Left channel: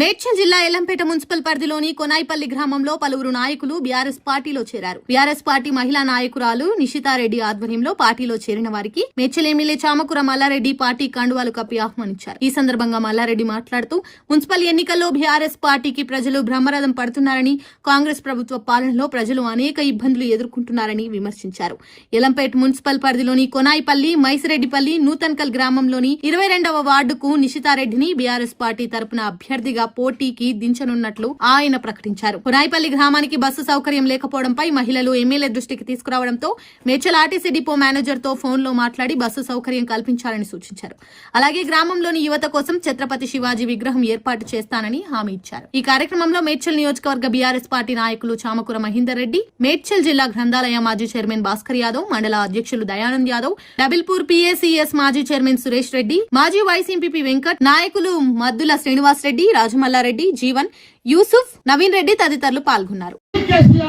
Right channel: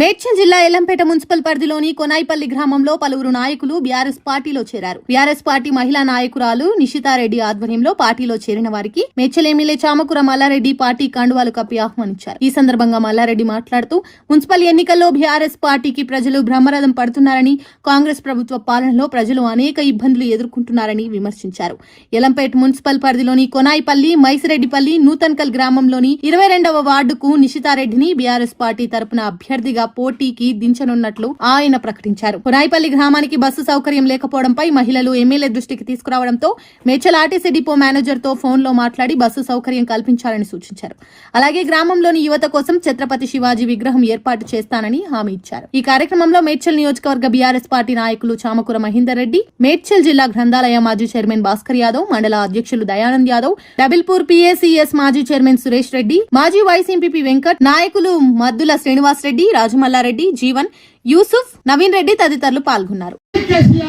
మేడ్చల్ జిల్లా ఎల్లంపేట మున్సిపల్ పరిధిలోని కొనాయిపల్లి గ్రామంలో పలువురు నాయకులు బీఆర్ఎస్ పార్టీలో చేరారు. బీఆర్ఎస్ పార్టీ మహిళా నాయకురాలు నిషితారెడ్డి ఆధ్వర్యంలో పార్టీలో చేరిన వారికి మేడ్చల్ ఎమ్మెల్యే చామకూర మల్లారెడ్డి పార్టీ కండువాలు కప్పి ఆహ్వానించారు. ఈ సందర్భంగా మల్లారెడ్డి మాట్లాడుతూ మున్సిపల్ ఎన్నికల్లో బీఆర్ఎస్ పార్టీకి ప్రజలు బ్రహ్మరథం పడుతున్నారని, కాంగ్రెస్ ప్రభుత్వ పాలనలో ప్రజలు అనేక ఇబ్బందులు ఎదుర్కొంటున్నారని విమర్శించారు. ఎల్లంపేట మున్సిపల్ పరిధిలోని కొనాయిపల్లి, మైసిరెడ్డిపల్లి, నూతన్కల్ గ్రామంలోని 22వ వార్డుకు నిషితారెడ్డిని బీఆర్ఎస్ పార్టీ తరపున అభ్యర్థిగా పోటీకి దించనున్నట్లు ఆయన ప్రకటించారు. కొనాయిపల్లి గ్రామానికి బస్సు సౌకర్యం లేకపోవడంపై మహిళలు ఎమ్మెల్యే దృష్టికి తీసుకురావడంతో మేడ్చల్ ఆర్టీసీ డిపో మేనేజర్ తో ఫోన్ లో మాట్లాడి బస్సు సౌకర్యం కల్పించాలని సూచించారు. అలాగే గ్రామంలోని యువత కోసం ఛత్రపతి శివాజీ విగ్రహం ఏర్పాటు చేస్తానని హామీ ఇచ్చారు. ఈ కార్యక్రమంలో మేడ్చల్ నియోజకవర్గ బీఆర్ఎస్ పార్టీ నాయకులు చామకూర మహేందర్ రెడ్డి, మేడ్చల్ జిల్లా గ్రంథాలయ మాజీ చైర్మన్ భాస్కర్ యాదవ్, మండల అధ్యక్షులు దయానంద్ యాదవ్, డబిల్పూర్ పీఏసీఎస్ మాజీ చైర్మన్ సురేష్ రెడ్డి, మాజీ వైస్ ఎంపీపీ వెంకట్, నాయకులు మద్దుల శ్రీనివాస్ రెడ్డి, రాజమల్లారెడ్డి, జీవన్, యూసుఫ్, నవీన్ రెడ్డి తదితరులు పాల్గొన్నారు. ఎట్లా